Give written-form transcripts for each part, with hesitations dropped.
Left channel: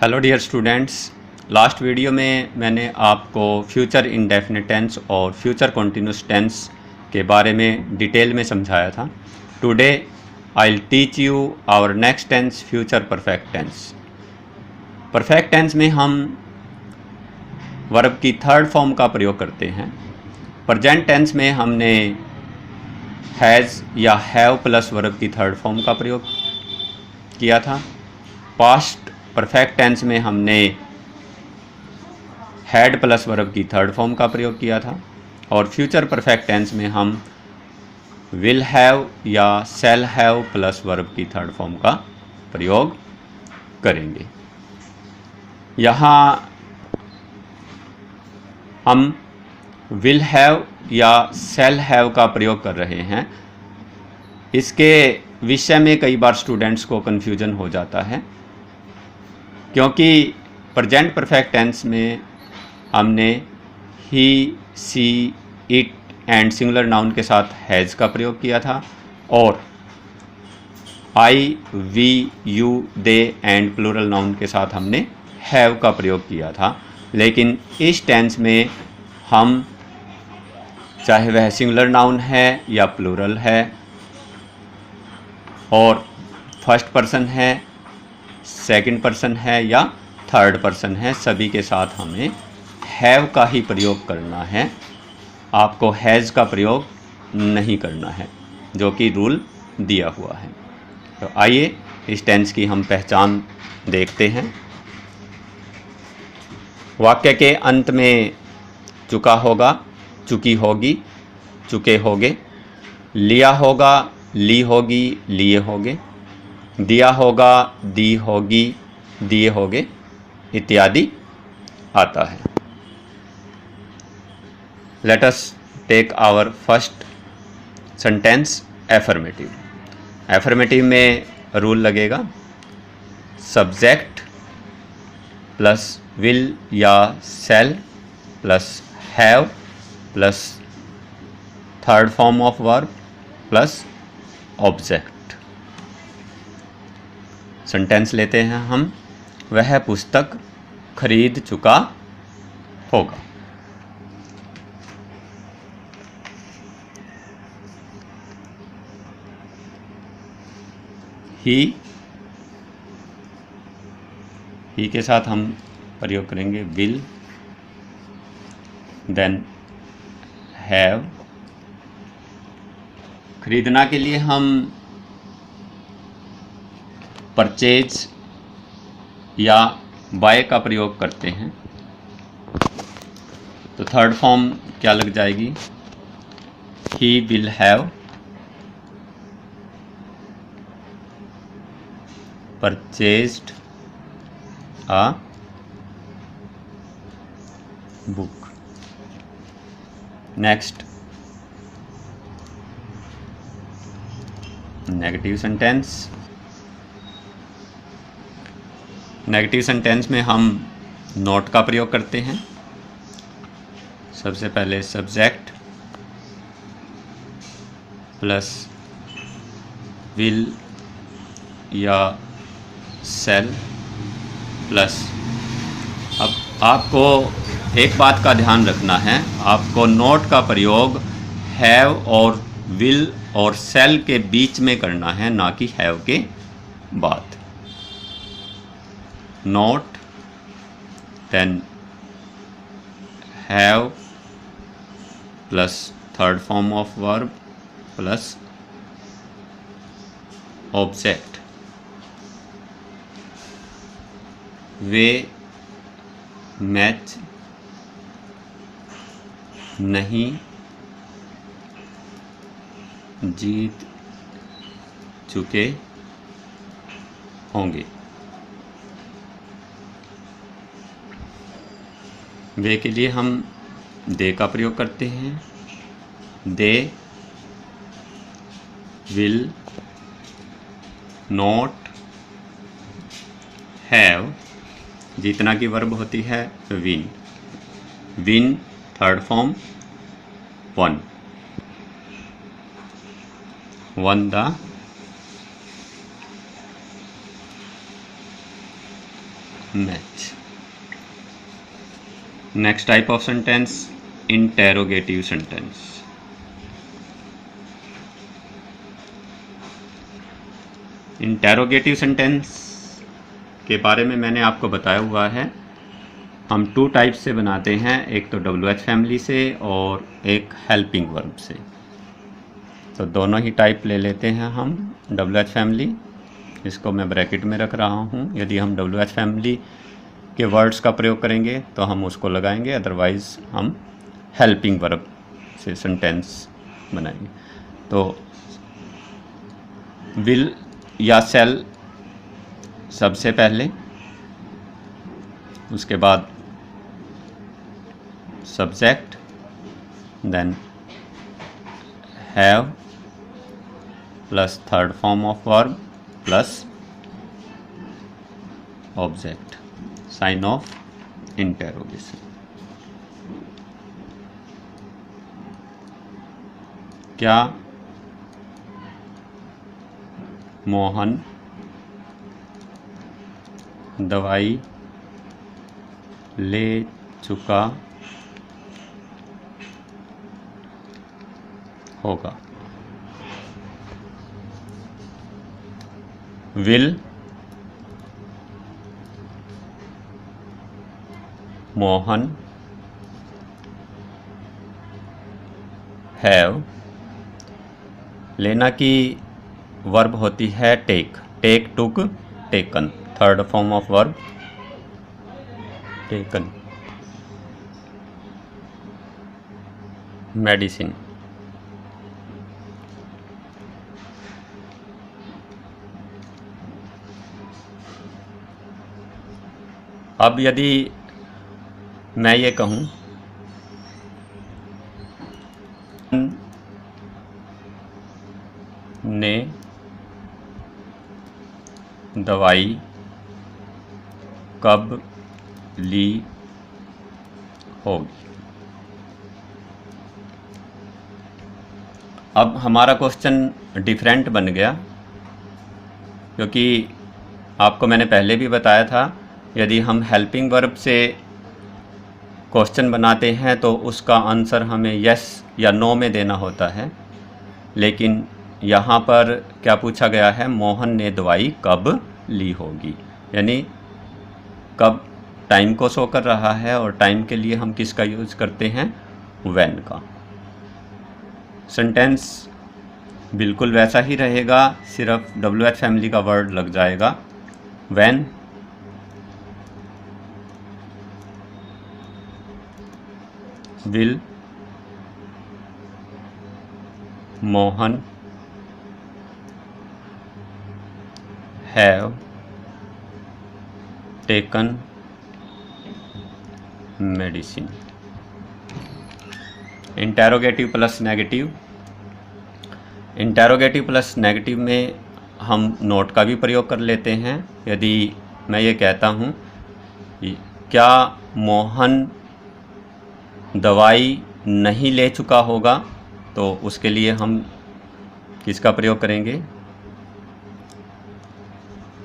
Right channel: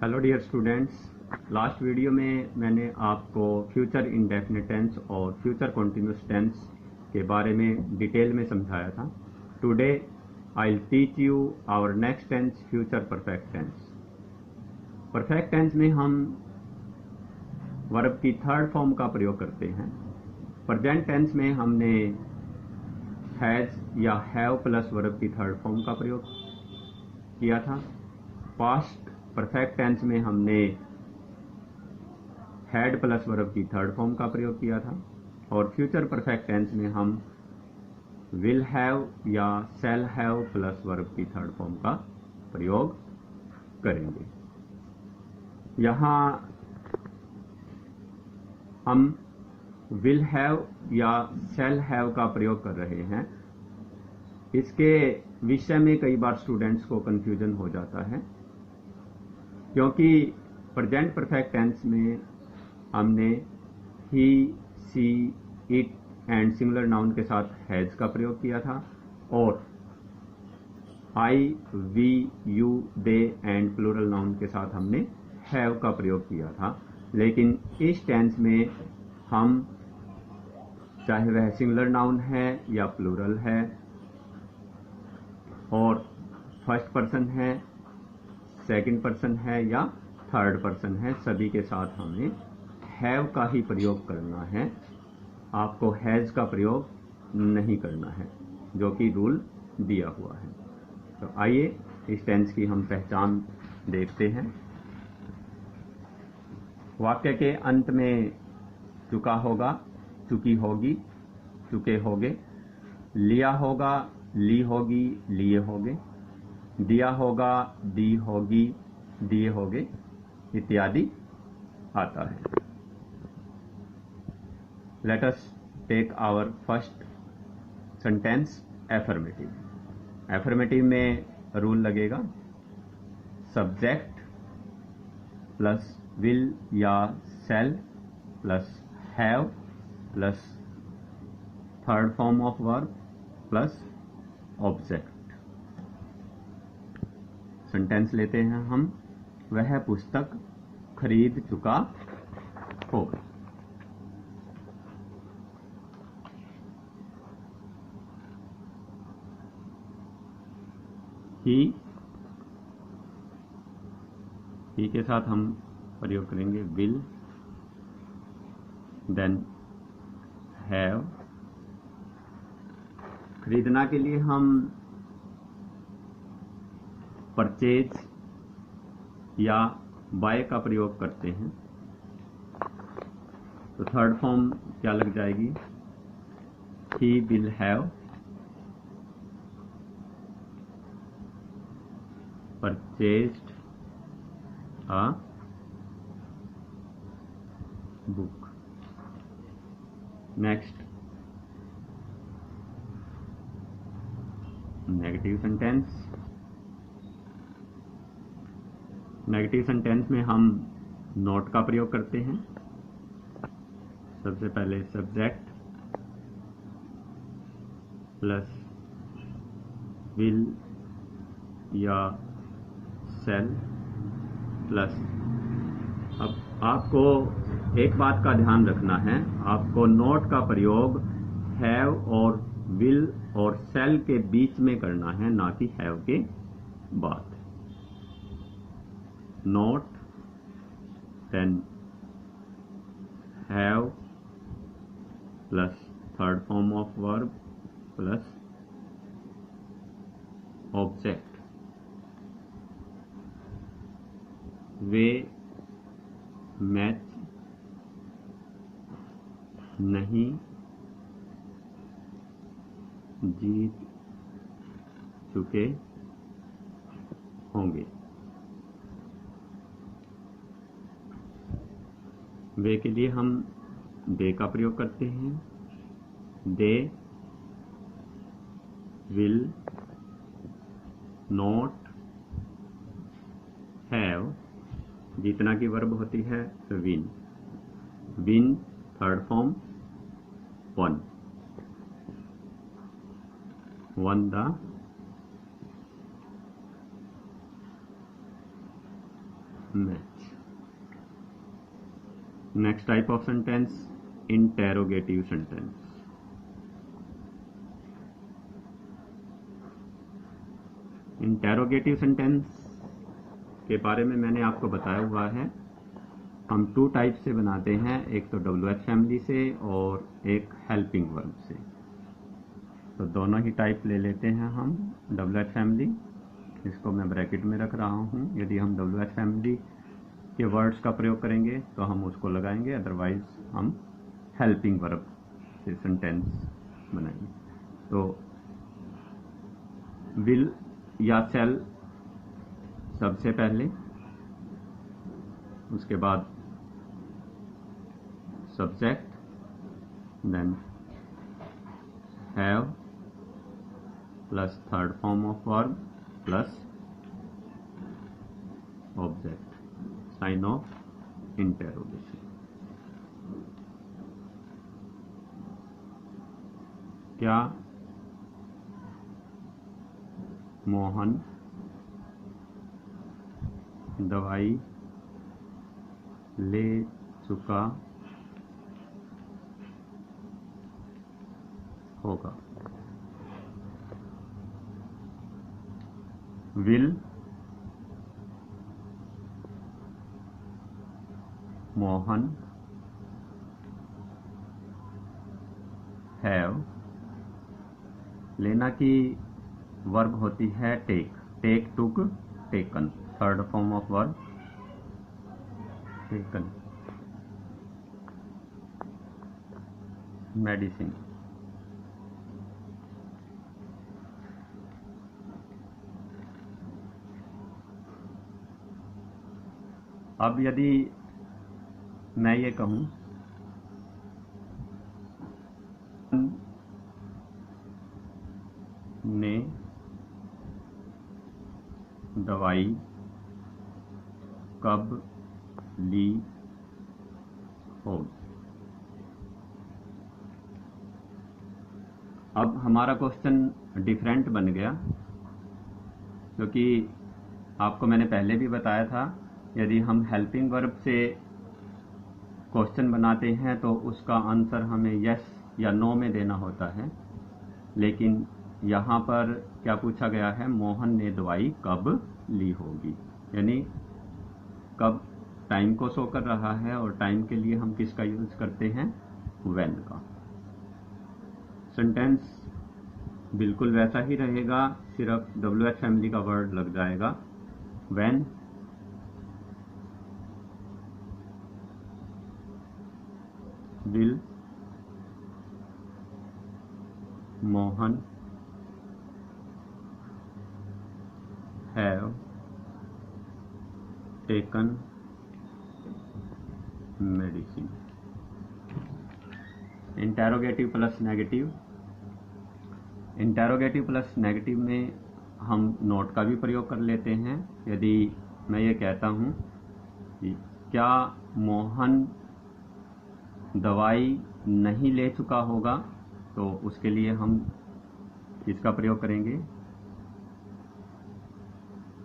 Hello dear students. Last video में मैंने आपको फ्यूचर इंडेफिनिट टेंस और फ्यूचर कॉन्टिन्यूस टेंस के बारे में डिटेल में समझाया था। Today I will teach you our next tense, future perfect tense. Perfect tense में हम वर्ब की थर्ड फॉर्म का प्रयोग करते हैं। प्रेजेंट टेंस में हमने हैज़ या हैव प्लस वर्ब की थर्ड फॉर्म का प्रयोग किया था। पास्ट परफेक्ट टेंस में हमने हैड प्लस वर्ब की थर्ड फॉर्म का प्रयोग किया था और फ्यूचर परफेक्ट टेंस में हम विल हैव या शैल हैव प्लस वर्ब की थर्ड फॉर्म का प्रयोग करेंगे। यहाँ हम विल हैव या शैल हैव का प्रयोग कर रहे हैं। इसके विषय में कई बार स्टूडेंट्स को कन्फ्यूजन हो जाता है, क्योंकि प्रेजेंट परफेक्ट टेंस में हमने he, she, it and singular noun के साथ हैज़ का प्रयोग किया था और I, we, you, they and plural noun के साथ हमने हैव का प्रयोग किया था। लेकिन इस टेंस में हम, चाहे वह सिंगुलर नाउन है या प्लूरल है और फर्स्ट पर्सन है, सेकंड पर्सन है या थर्ड पर्सन है, सभी के साथ हमें हैव का ही प्रयोग करना है। आपको हैज़ का प्रयोग नहीं करना है, जो कि रूल दिया हुआ है। तो आइए इस टेंस की हम पहचान देखते हैं। वाक्य के अंत में चुका होगा, चुकी होगी, चुके होगे, लिया होगा, ली होगी, लिए होगे, दिया होगा, दी होगी, दिए होगे इत्यादि आता है। Let us take our first sentence affirmative. Affirmative में रूल लगेगा सब्जेक्ट प्लस विल या shall plus have plus third form of verb plus object. Sentence लेते हैं हम। वह पुस्तक खरीद चुका होगा। ही के साथ हम प्रयोग करेंगे विल, देन हैव। खरीदना के लिए हम परचेज या बाय का प्रयोग करते हैं, तो थर्ड फॉर्म क्या लग जाएगी? He will have purchased a book. Next, negative sentence. Negative sentence में हम नॉट का प्रयोग करते हैं। सबसे पहले सब्जेक्ट प्लस विल या शैल प्लस। अब आपको एक बात का ध्यान रखना है, आपको नॉट का प्रयोग हैव और विल और शैल के बीच में करना है, ना कि हैव के बाद। Not, then have plus third form of verb plus object. वे मैच नहीं जीत चुके होंगे। वे के लिए हम दे का प्रयोग करते हैं। दे विल नॉट हैव, जितना की वर्ब होती है win. Win third form one, one match. Next type of sentence, interrogative sentence. Interrogative sentence के बारे में मैंने आपको बताया हुआ है। हम 2 टाइप से बनाते हैं, एक तो WH फैमिली से और एक हेल्पिंग वर्ब से। तो दोनों ही टाइप ले लेते हैं हम। WH फैमिली, इसको मैं ब्रैकेट में रख रहा हूँ। यदि हम WH फैमिली के वर्ड्स का प्रयोग करेंगे तो हम उसको लगाएंगे, अदरवाइज़ हम हेल्पिंग वर्ब से सेंटेंस बनाएंगे। तो विल या सेल सबसे पहले, उसके बाद subject, then have plus third form of verb plus object, sign of interrogation. क्या मोहन दवाई ले चुका होगा? विल मोहन हैव, लेना की वर्ब होती है take, take, took, taken, third form of verb taken. Medicine, अब यदि मैं ये कहूँ ने दवाई कब ली होगी? अब हमारा क्वेश्चन डिफरेंट बन गया, क्योंकि आपको मैंने पहले भी बताया था, यदि हम हेल्पिंग वर्ब से क्वेश्चन बनाते हैं तो उसका आंसर हमें यस या नो में देना होता है। लेकिन यहाँ पर क्या पूछा गया है, मोहन ने दवाई कब ली होगी, यानी कब टाइम को शो कर रहा है, और टाइम के लिए हम किसका यूज़ करते हैं, व्हेन का। सेंटेंस बिल्कुल वैसा ही रहेगा, सिर्फ WH फैमिली का वर्ड लग जाएगा, when will Mohan have taken medicine. Interrogative plus negative, interrogative plus negative में हम नोट का भी प्रयोग कर लेते हैं। यदि मैं ये कहता हूँ क्या मोहन दवाई नहीं ले चुका होगा, तो उसके लिए हम किसका प्रयोग करेंगे,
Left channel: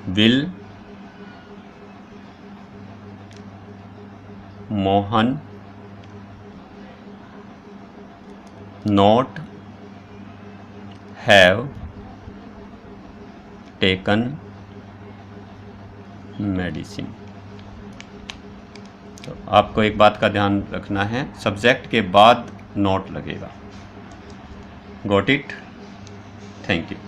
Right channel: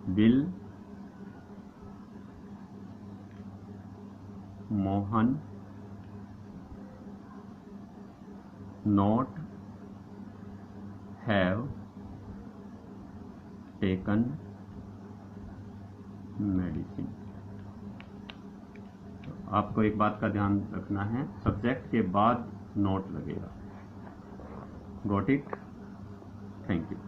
will Mohan not have taken medicine. तो आपको एक बात का ध्यान रखना है, सब्जेक्ट के बाद नोट लगेगा। Got it? Thank you.